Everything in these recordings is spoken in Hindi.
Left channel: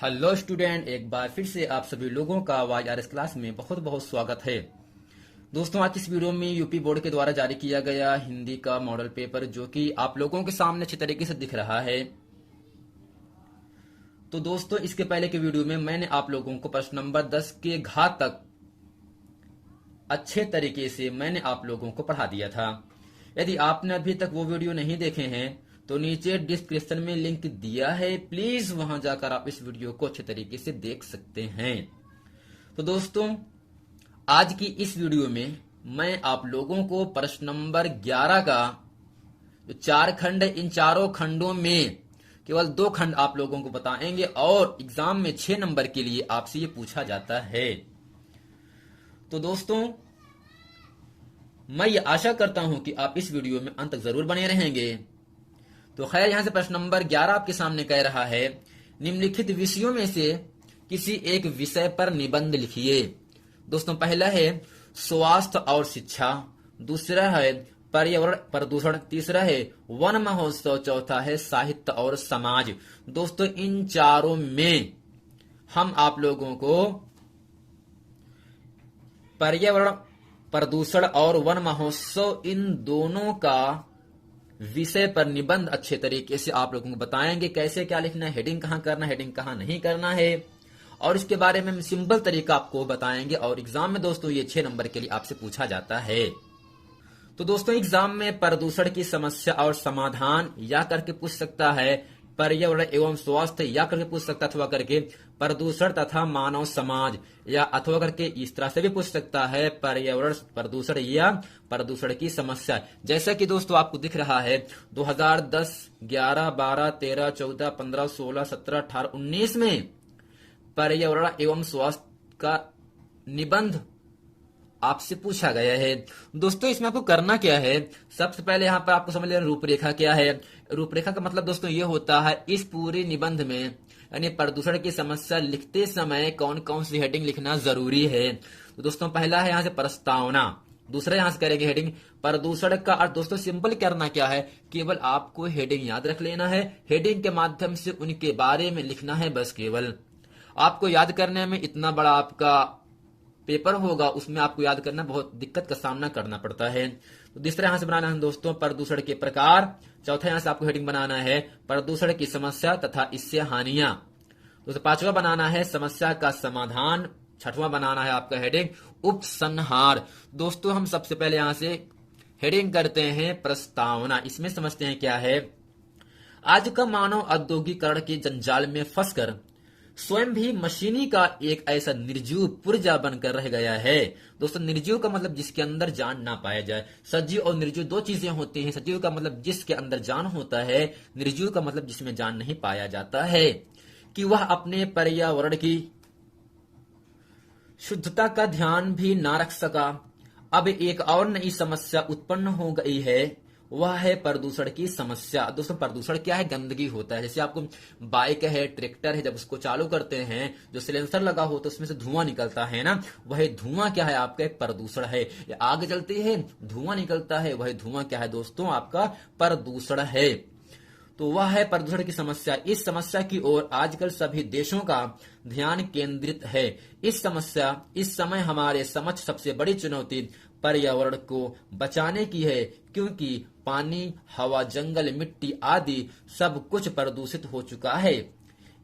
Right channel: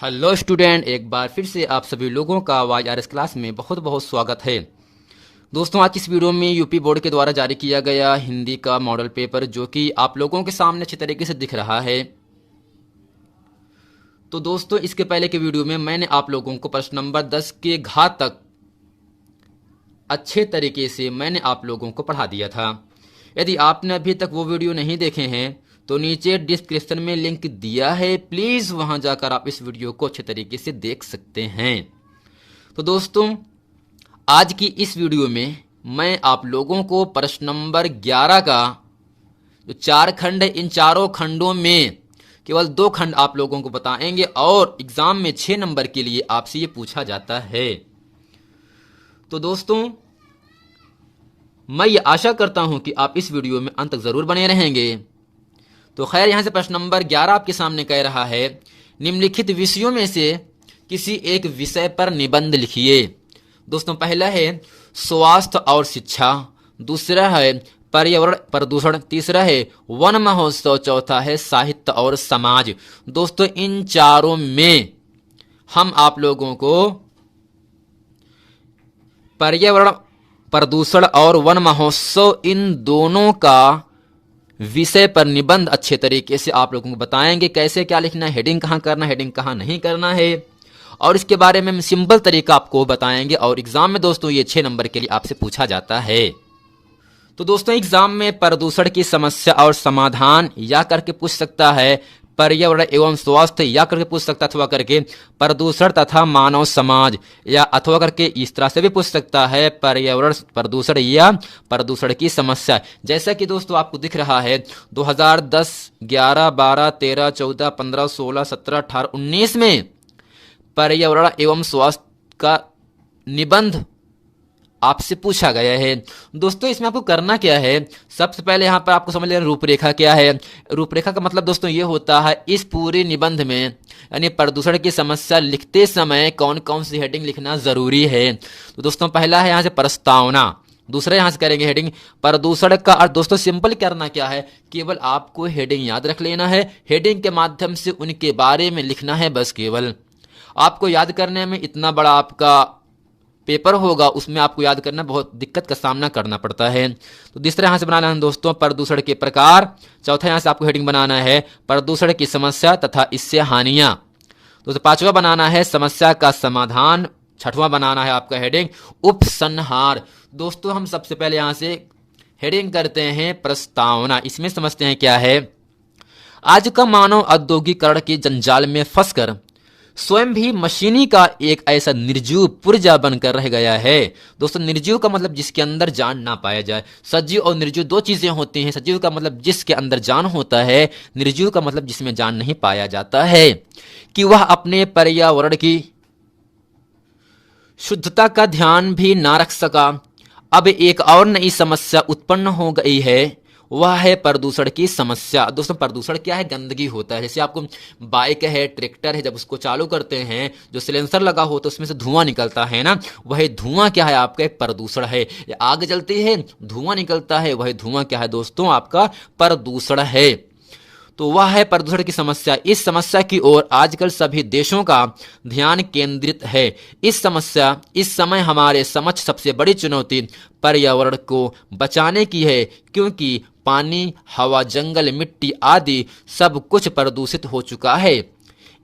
हेलो स्टूडेंट, एक बार फिर से आप सभी लोगों का YRS क्लास में बहुत बहुत स्वागत है। दोस्तों, आज की इस वीडियो में यूपी बोर्ड के द्वारा जारी किया गया हिंदी का मॉडल पेपर जो कि आप लोगों के सामने अच्छी तरीके से दिख रहा है। तो दोस्तों, इसके पहले के वीडियो में मैंने आप लोगों को प्रश्न नंबर 10 के घात तक अच्छे तरीके से मैंने आप लोगों को पढ़ा दिया था। यदि आपने अभी तक वो वीडियो नहीं देखे हैं तो नीचे डिस्क्रिप्शन में लिंक दिया है, प्लीज वहां जाकर आप इस वीडियो को अच्छे तरीके से देख सकते हैं। तो दोस्तों, आज की इस वीडियो में मैं आप लोगों को प्रश्न नंबर 11 का जो 4 खंड है, इन चारों खंडों में केवल 2 खंड आप लोगों को बताएंगे और एग्जाम में 6 नंबर के लिए आपसे ये पूछा जाता है। तो दोस्तों, मैं ये आशा करता हूं कि आप इस वीडियो में अंत तक जरूर बने रहेंगे। तो खैर, यहां से प्रश्न नंबर 11 आपके सामने कह रहा है, निम्नलिखित विषयों में से किसी एक विषय पर निबंध लिखिए। दोस्तों, पहला है स्वास्थ्य और शिक्षा, दूसरा है पर्यावरण प्रदूषण, तीसरा है वन महोत्सव, चौथा है साहित्य और समाज। दोस्तों, इन चारों में हम आप लोगों को पर्यावरण प्रदूषण और वन महोत्सव, इन दोनों का विषय पर निबंध अच्छे तरीके से आप लोगों को बताएंगे। कैसे क्या लिखना है, हेडिंग कहाँ करना है, हेडिंग कहाँ नहीं करना है, और इसके बारे में हम सिंपल तरीका आपको बताएंगे। और एग्जाम में दोस्तों ये 6 नंबर के लिए आपसे पूछा जाता है। तो दोस्तों, एग्जाम में प्रदूषण की समस्या और समाधान या करके पूछ सकता है, पर्यावरण एवं स्वास्थ्य या करके पूछ सकता, अथवा करके प्रदूषण तथा मानव समाज, या अथवा करके इस तरह से भी पूछ सकता है, पर्यावरण प्रदूषण या प्रदूषण की समस्या। जैसा कि दोस्तों आपको दिख रहा है 2010, 11, 12, 13, 14, 15, 16, 17, 18, 19 में पर्यावरण एवं स्वास्थ्य का निबंध आपसे पूछा गया है। दोस्तों, इसमें आपको करना क्या है, सबसे पहले यहां पर आपको समझ लेना रूपरेखा क्या है। रूपरेखा का मतलब दोस्तों ये होता है, इस पूरे निबंध में यानी प्रदूषण की समस्या लिखते समय कौन कौन सी हेडिंग लिखना जरूरी है। तो दोस्तों, पहला है यहां से प्रस्तावना, दूसरा यहां से करेंगे हेडिंग प्रदूषण का अर्थ। दोस्तों, सिंपल करना क्या है, केवल आपको हेडिंग याद रख लेना है, हेडिंग के माध्यम से उनके बारे में लिखना है बस। केवल आपको याद करने में इतना बड़ा आपका पेपर होगा, उसमें आपको याद करना बहुत दिक्कत का सामना करना पड़ता है। तो तीसरा यहां से बनाना है दोस्तों प्रदूषण के प्रकार, चौथा यहां से आपको हेडिंग बनाना है प्रदूषण की समस्या तथा इससे हानियां। दोस्तों, पांचवा बनाना है समस्या का समाधान, छठवां बनाना है आपका हेडिंग उपसंहार। दोस्तों, हम सबसे पहले यहां से हेडिंग करते हैं प्रस्तावना। इसमें समझते हैं क्या है, आज का मानव औद्योगिकरण के जंजाल में फंसकर स्वयं भी मशीनी का एक ऐसा निर्जीव पुर्जा बनकर रह गया है। दोस्तों, निर्जीव का मतलब जिसके अंदर जान ना पाया जाए। सजीव और निर्जीव दो चीजें होती हैं। सजीव का मतलब जिसके अंदर जान होता है, निर्जीव का मतलब जिसमें जान नहीं पाया जाता है। कि वह अपने पर्यावरण की शुद्धता का ध्यान भी ना रख सका। अब एक और नई समस्या उत्पन्न हो गई है, वह है प्रदूषण की समस्या। दोस्तों, प्रदूषण क्या है, गंदगी होता है। जैसे आपको बाइक है, ट्रैक्टर है, जब उसको चालू करते हैं जो सिलेंसर लगा होता है उसमें से धुआं निकलता है ना, वह धुआं क्या है, आपका एक प्रदूषण है। आग जलती है, धुआं निकलता है, वह धुआं क्या है दोस्तों, आपका प्रदूषण है। तो वह है प्रदूषण की समस्या। इस समस्या की ओर आजकल सभी देशों का ध्यान केंद्रित है। इस समय हमारे समक्ष सबसे बड़ी चुनौती पर्यावरण को बचाने की है, क्योंकि पानी, हवा, जंगल, मिट्टी आदि सब कुछ प्रदूषित हो चुका है।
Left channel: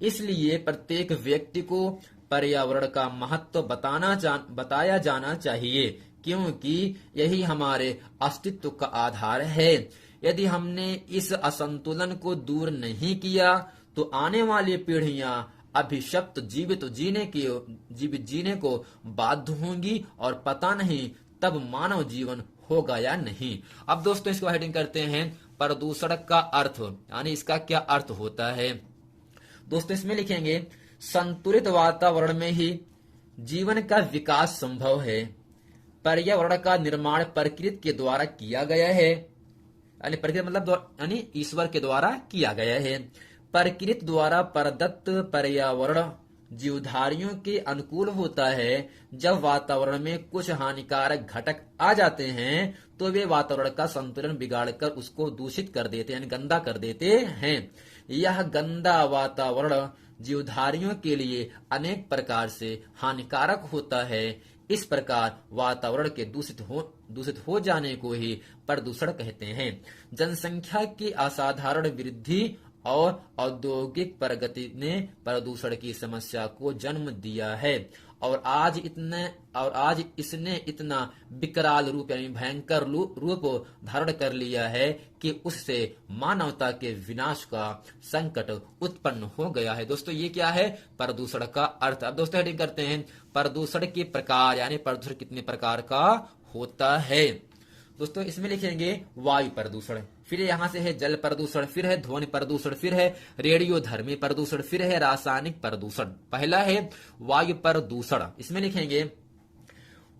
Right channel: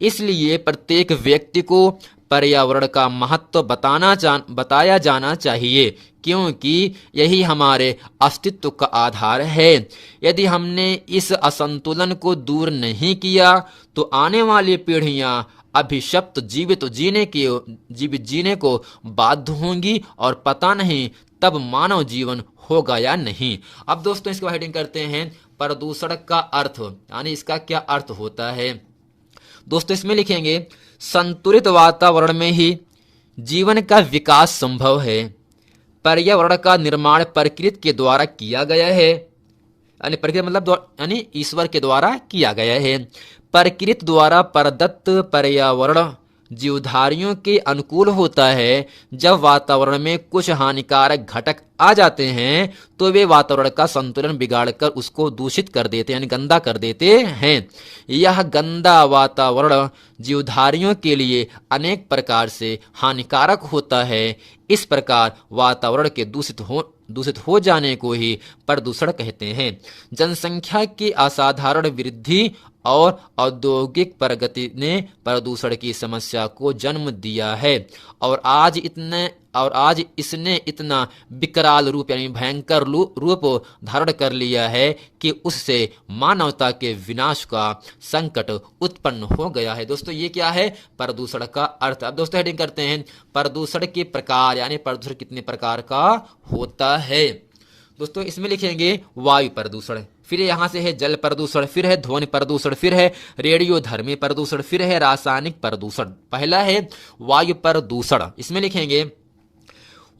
इसलिए प्रत्येक व्यक्ति को पर्यावरण का महत्व बताया जाना चाहिए, क्योंकि यही हमारे अस्तित्व का आधार है। यदि हमने इस असंतुलन को दूर नहीं किया तो आने वाली पीढ़ियां अभिशप्त जीवित जीने को बाध्य होंगी, और पता नहीं तब मानव जीवन होगा या नहीं। अब दोस्तों, इसको हेडिंग करते हैं प्रदूषण का अर्थ, यानी इसका क्या अर्थ होता है। दोस्तों, इसमें लिखेंगे संतुलित वातावरण में ही जीवन का विकास संभव है। पर्यावरण का निर्माण प्रकृति के द्वारा किया गया है, यानी प्रकृति मतलब ईश्वर के द्वारा किया गया है। प्रकृति द्वारा प्रदत्त पर्यावरण जीवधारियों के अनुकूल होता है। जब वातावरण में कुछ हानिकारक घटक आ जाते हैं तो वे वातावरण का संतुलन बिगाड़कर उसको दूषित कर देते हैं, यानी गंदा कर देते हैं। यह गंदा वातावरण जीवधारियों के लिए अनेक प्रकार से हानिकारक होता है। इस प्रकार वातावरण के दूषित हो जाने को ही प्रदूषण कहते हैं। जनसंख्या की असाधारण वृद्धि और औद्योगिक प्रगति ने प्रदूषण की समस्या को जन्म दिया है और आज इसने इतना विकराल रूप यानी भयंकर रूप धारण कर लिया है कि उससे मानवता के विनाश का संकट उत्पन्न हो गया है। दोस्तों ये क्या है? प्रदूषण का अर्थ। अब दोस्तों हेडिंग करते हैं प्रदूषण के प्रकार, यानी प्रदूषण कितने प्रकार का होता है। दोस्तों इसमें लिखेंगे वायु प्रदूषण, फिर यहां से है जल प्रदूषण, फिर है ध्वनि प्रदूषण, फिर है रेडियोधर्मी प्रदूषण, फिर है रासायनिक प्रदूषण। पहला है वायु प्रदूषण। इसमें लिखेंगे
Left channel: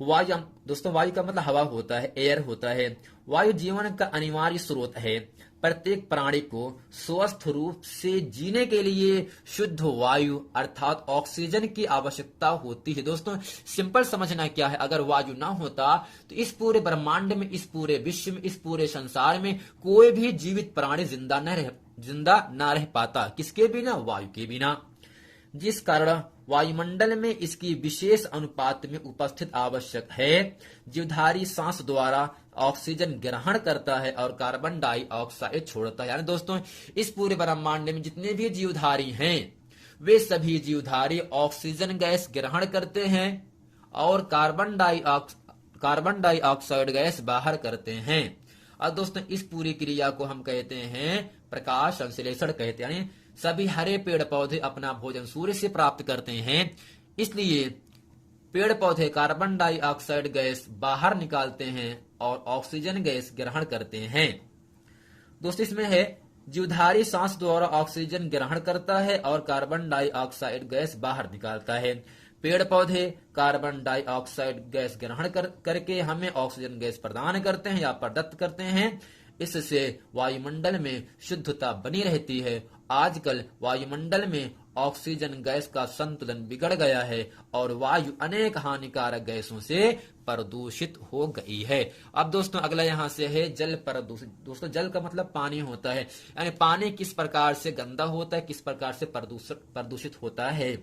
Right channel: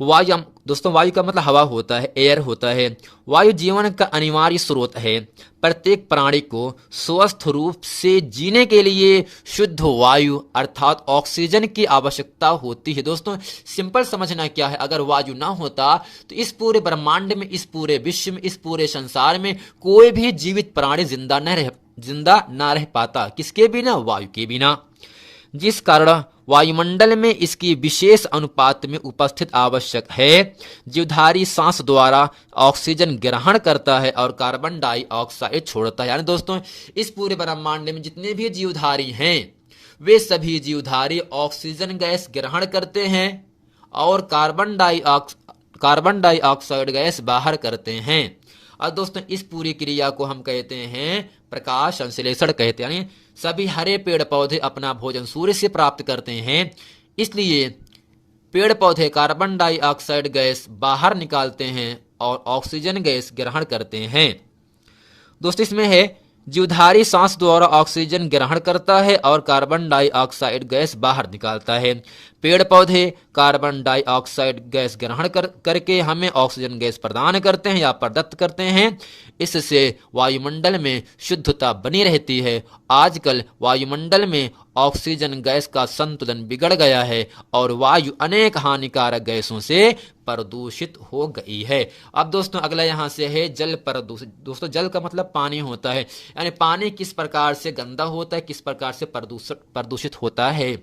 वायु। दोस्तों वायु का मतलब हवा होता है, एयर होता है। वायु जीवन का अनिवार्य स्रोत है। प्रत्येक प्राणी को स्वस्थ रूप से जीने के लिए शुद्ध वायु अर्थात ऑक्सीजन की आवश्यकता होती है। दोस्तों सिंपल समझना क्या है, अगर वायु ना होता तो इस पूरे ब्रह्मांड में, इस पूरे विश्व में, इस पूरे संसार में कोई भी जीवित प्राणी जिंदा ना रह पाता। किसके बिना? वायु के बिना। जिस कारण वायुमंडल में इसकी विशेष अनुपात में उपस्थित आवश्यक है। जीवधारी सांस द्वारा ऑक्सीजन ग्रहण करता है और कार्बन डाइऑक्साइड छोड़ता है। यानी दोस्तों इस पूरे ब्रह्मांड में जितने भी जीवधारी हैं वे सभी जीवधारी ऑक्सीजन गैस ग्रहण करते हैं और कार्बन डाइऑक्साइड गैस बाहर करते हैं। और दोस्तों इस पूरी क्रिया को हम कहते हैं प्रकाश संश्लेषण कहते हैं। यानी सभी हरे पेड़ पौधे अपना भोजन सूर्य से प्राप्त करते हैं, इसलिए पेड़ पौधे कार्बन डाइऑक्साइड गैस बाहर निकालते हैं और ऑक्सीजन गैस ग्रहण करते हैं। दोस्तों इसमें है जीवधारी सांस द्वारा ऑक्सीजन ग्रहण करता है और कार्बन डाइऑक्साइड गैस बाहर निकालता है। पेड़ पौधे कार्बन डाइऑक्साइड गैस ग्रहण करके हमें ऑक्सीजन गैस प्रदान करते हैं या प्रदत्त करते हैं। इससे वायुमंडल में शुद्धता बनी रहती है। आजकल वायुमंडल में ऑक्सीजन गैस का संतुलन बिगड़ गया है और वायु अनेक हानिकारक गैसों से प्रदूषित हो गई है। अब दोस्तों अगला यहां से है जल प्रदूषित। दोस्तों जल का मतलब पानी होता है, यानी पानी किस प्रकार से गंदा होता है, किस प्रकार से प्रदूषित होता है।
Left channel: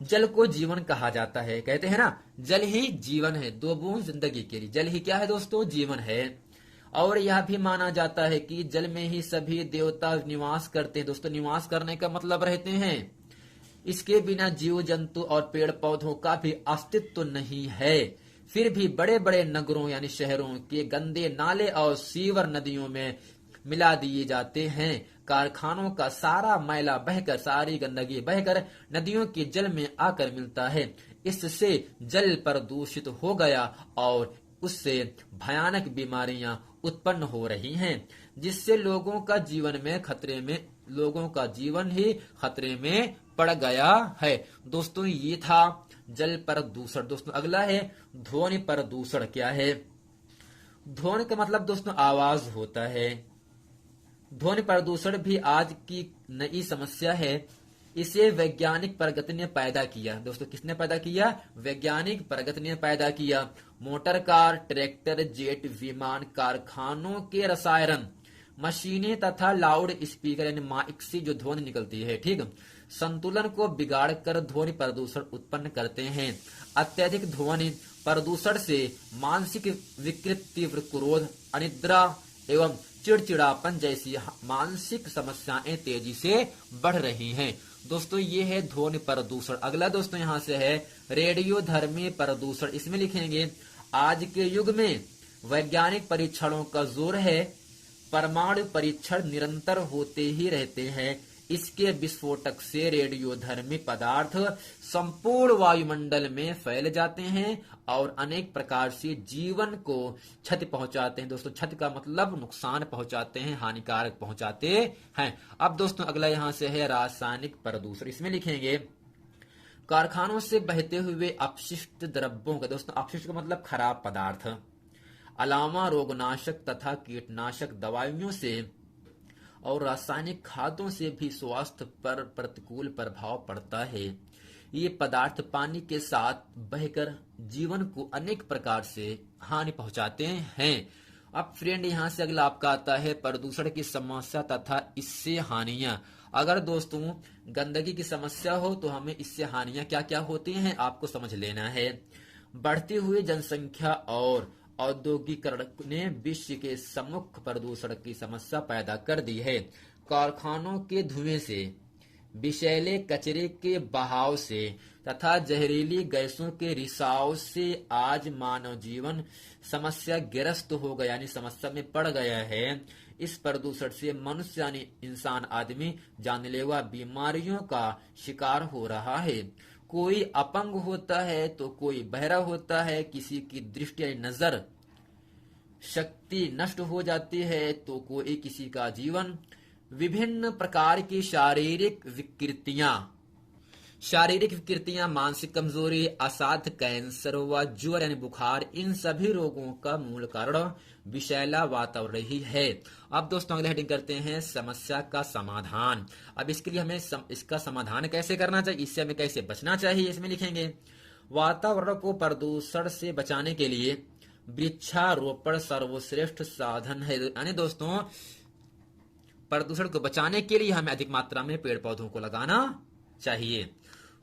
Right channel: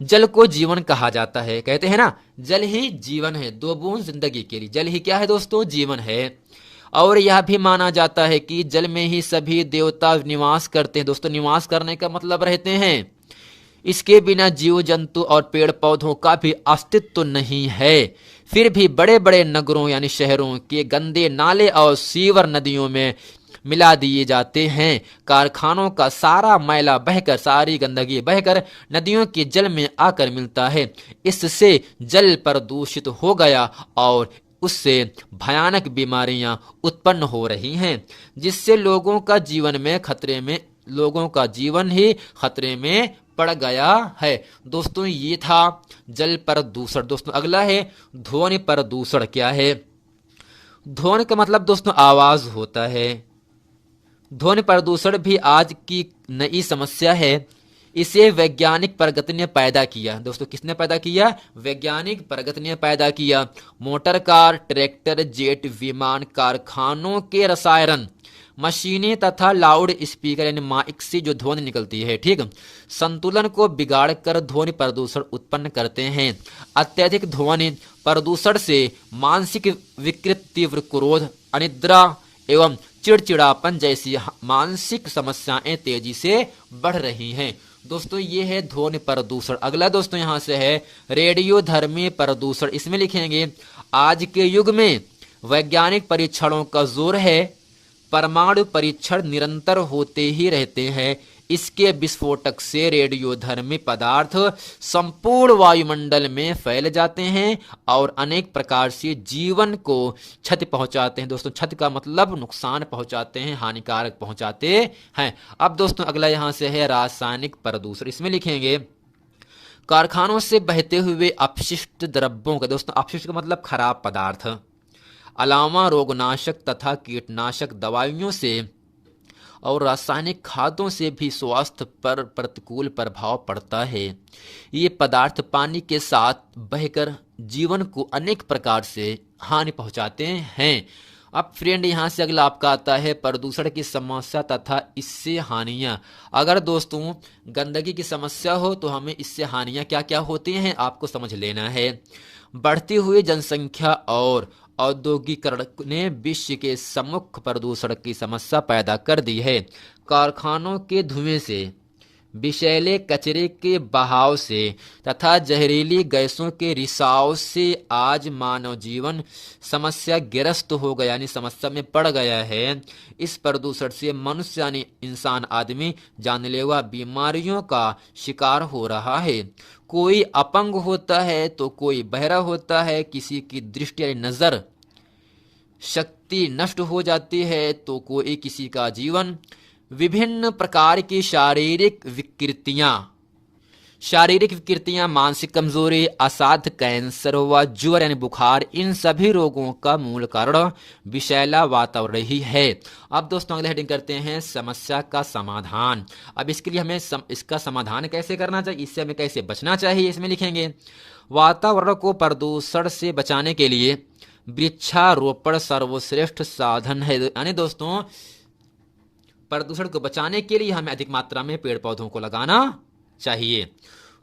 जल को जीवन कहा जाता है। कहते हैं ना जल ही जीवन है, 2 बूंद जिंदगी के लिए। जल ही क्या है दोस्तों? जीवन है। और यह भी माना जाता है कि जल में ही सभी देवता निवास करते हैं। दोस्तों निवास करने का मतलब रहते हैं इसके बिना जीव जंतु और पेड़ पौधों का भी अस्तित्व नहीं है। फिर भी बड़े बड़े नगरों यानी शहरों के गंदे नाले और सीवर नदियों में मिला दिए जाते हैं। कारखानों का सारा मैला बहकर, सारी गंदगी बहकर नदियों के जल में आकर मिलता है। इससे जल प्रदूषित हो गया और उससे भयानक बीमारियां उत्पन्न हो रही हैं, जिससे लोगों का जीवन ही खतरे में पड़ गया है। दोस्तों ये था जल प्रदूषण। दोस्तों अगला है ध्वनि प्रदूषण। क्या है? ध्वनि का मतलब दोस्तों आवाज होता है। ध्वनि प्रदूषण भी आज की नई समस्या है। इसे वैज्ञानिक प्रगति ने पैदा किया। दोस्तों किसने पैदा किया? वैज्ञानिक प्रगति ने पैदा किया। मोटर कार, ट्रैक्टर, जेट विमान, कारखानों के रसायन, मशीनें तथा लाउड स्पीकर यानी माइक से जो ध्वनि निकलती है, ठीक, संतुलन को बिगाड़ कर ध्वनि प्रदूषण उत्पन्न करते हैं। अत्यधिक ध्वनि प्रदूषण से मानसिक विकृति, तीव्र क्रोध, अनिद्रा एवं चिड़चिड़ापन जैसी मानसिक समस्याएं तेजी से बढ़ रही हैं। दोस्तों ये है ध्वनि प्रदूषण। अगला दोस्तों यहां से है रेडियोधर्मी प्रदूषण। इसमें लिखेंगे आज के युग में वैज्ञानिक परीक्षणों का जोर है। परमाणु परीक्षण निरंतर होते ही रहते हैं। इसके विस्फोटक से रेडियोधर्मी पदार्थ संपूर्ण वायुमंडल में फैल जाते हैं और अनेक प्रकार से जीवन को क्षति पहुंचाते हैं। दोस्तों क्षति का मतलब नुकसान पहुंचाते हैं, हानिकारक पहुंचाते हैं। अब दोस्तों अगला यहां से है रासायनिक प्रदूषण। इसमें लिखेंगे कारखानों से बहते हुए अपशिष्ट द्रव्यों का, दोस्तों अपशिष्ट का मतलब खराब पदार्थ, अलावा रोगनाशक तथा कीटनाशक दवाइयों से और रासायनिक खादों से भी स्वास्थ्य पर प्रतिकूल प्रभाव पड़ता है। ये पदार्थ पानी के साथ बहकर जीवन को अनेक प्रकार से हानि पहुंचाते हैं। अब फ्रेंड यहाँ से अगला आपका आता है प्रदूषण की समस्या तथा इससे हानियां। अगर दोस्तों गंदगी की समस्या हो तो हमें इससे हानियां क्या क्या होती हैं आपको समझ लेना है। बढ़ती हुई जनसंख्या और औद्योगिकरण ने विश्व के सम्मुख प्रदूषण की समस्या पैदा कर दी है। कारखानों के धुएं से, विषैले कचरे के बहाव से तथा जहरीली गैसों के रिसाव से आज मानव जीवन समस्या ग्रस्त हो गया, यानी समस्या में पड़ गया है। इस प्रदूषण से मनुष्य यानी इंसान आदमी जानलेवा बीमारियों का शिकार हो रहा है। कोई अपंग होता है तो कोई बहरा होता है, किसी की दृष्टि यानी नजर शक्ति नष्ट हो जाती है तो कोई किसी का जीवन। विभिन्न प्रकार की शारीरिक विकृतियां, मानसिक कमजोरी, असाध्य कैंसर व ज्वर यानी बुखार, इन सभी रोगों का मूल कारण विषैला वातावरण ही है। अब दोस्तों अगले हेडिंग करते हैं समस्या का समाधान। अब इसके लिए हमें इसका समाधान कैसे करना चाहिए, इससे हमें कैसे बचना चाहिए, इसमें लिखेंगे वातावरण को प्रदूषण से बचाने के लिए वृक्षारोपण सर्वश्रेष्ठ साधन है। यानी दोस्तों प्रदूषण को बचाने के लिए हमें अधिक मात्रा में पेड़ पौधों को लगाना चाहिए।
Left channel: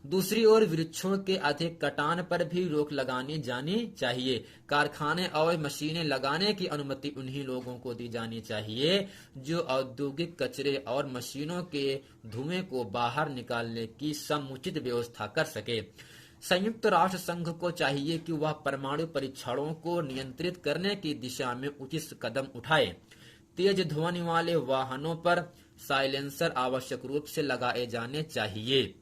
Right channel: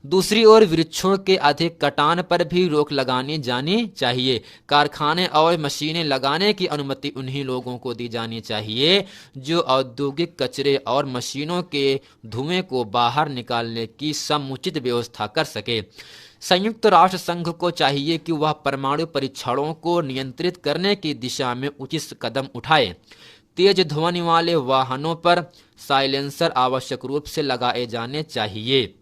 दूसरी ओर वृक्षों के अधिक कटान पर भी रोक लगानी जानी चाहिए। कारखाने और मशीनें लगाने की अनुमति उन्हीं लोगों को दी जानी चाहिए जो औद्योगिक कचरे और मशीनों के धुएं को बाहर निकालने की समुचित व्यवस्था कर सके। संयुक्त राष्ट्र संघ को चाहिए कि वह परमाणु परीक्षणों को नियंत्रित करने की दिशा में उचित कदम उठाए। तेज ध्वनि वाले वाहनों पर साइलेंसर आवश्यक रूप से लगाए जाने चाहिए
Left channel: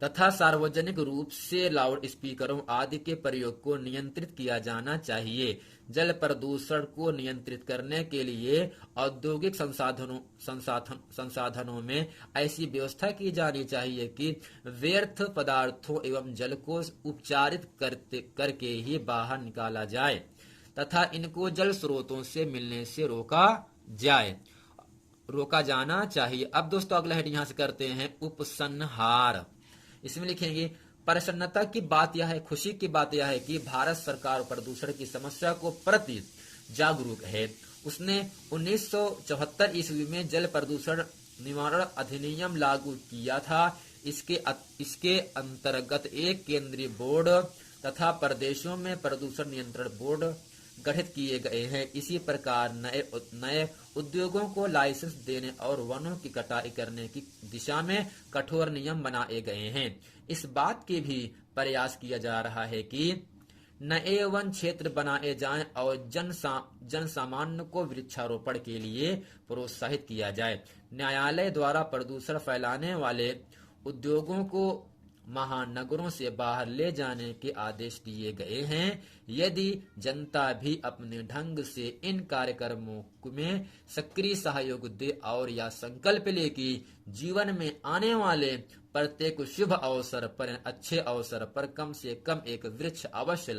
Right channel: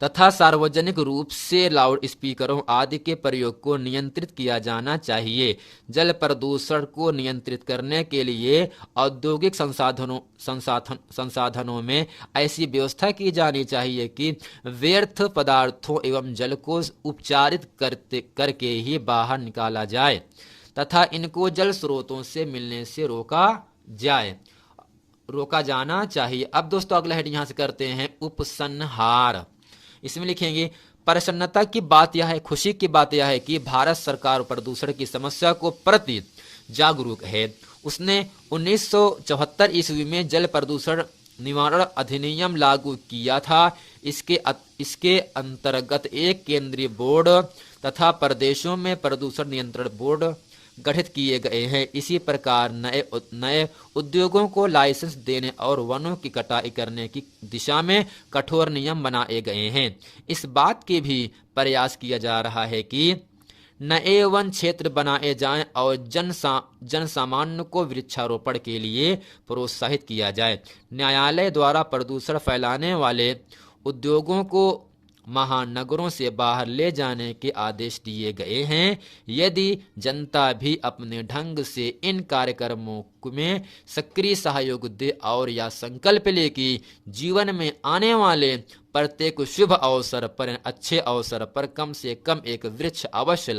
तथा सार्वजनिक रूप से लाउड स्पीकरों आदि के प्रयोग को नियंत्रित किया जाना चाहिए। जल प्रदूषण को नियंत्रित करने के लिए औद्योगिक संसाधनों में ऐसी व्यवस्था की जानी चाहिए कि व्यर्थ पदार्थों एवं जल को उपचारित करके ही बाहर निकाला जाए तथा इनको जल स्रोतों से मिलने से रोका जाना चाहिए। अब दोस्तों अगला हेड यहां से करते हैं उपसंहार। इसमें लिखेंगे प्रसन्नता की बात यह है, खुशी की बात यह है कि भारत सरकार प्रदूषण की समस्या को प्रति जागरूक है। उसने 1974 ईस्वी में जल प्रदूषण निवारण अधिनियम लागू किया था। इसके अंतर्गत एक केंद्रीय बोर्ड तथा प्रदेशों में प्रदूषण नियंत्रण बोर्ड गठित किए गए हैं। इसी प्रकार नए उद्योगों को लाइसेंस देने और वनों की कटाई करने की दिशा में कठोर नियम बनाए गए हैं। इस बात की भी प्रयास किया जा रहा है कि नए वन क्षेत्र बनाए जाएं और जन सामान्य को वृक्षारोपण के लिए प्रोत्साहित किया जाए। न्यायालय द्वारा प्रदूषण फैलाने वाले उद्योगों को महानगरों से बाहर ले जाने के आदेश दिए गए हैं। यदि जनता भी अपने ढंग से इन कार्यक्रमों में सक्रिय सहयोग दे और या संकल्प ले कि जीवन में आने वाले प्रत्येक शुभ अवसर पर, अच्छे अवसर पर कम से कम एक वृक्ष अवश्य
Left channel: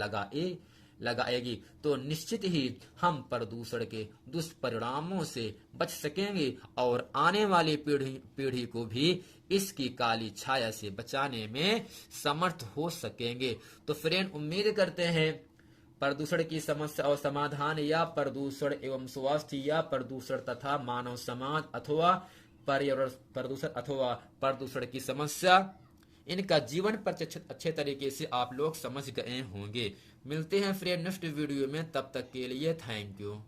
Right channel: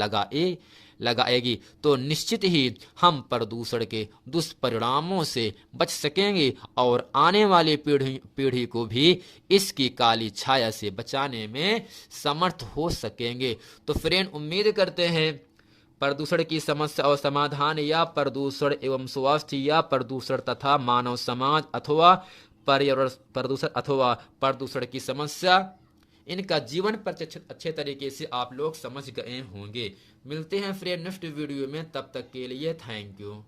लगाएगी तो निश्चित ही हम प्रदूषण के दुष्परिणामों से बच सकेंगे और आने वाली पीढ़ी को भी इसकी काली छाया से बचाने में समर्थ हो सकेंगे। तो फ्रेंड उम्मीद करते हैं प्रदूषण की समस्या और समाधान या प्रदूषण एवं स्वास्थ्य या प्रदूषण तथा मानव समाज अथवा पर्यावरण प्रदूषण अथवा प्रदूषण की समस्या, इनका जीवन पर अच्छे तरीके से आप लोग समझ गए होंगे। मिलते हैं फ्रेंड नेक्स्ट वीडियो में, तब तक के लिए थैंक यू।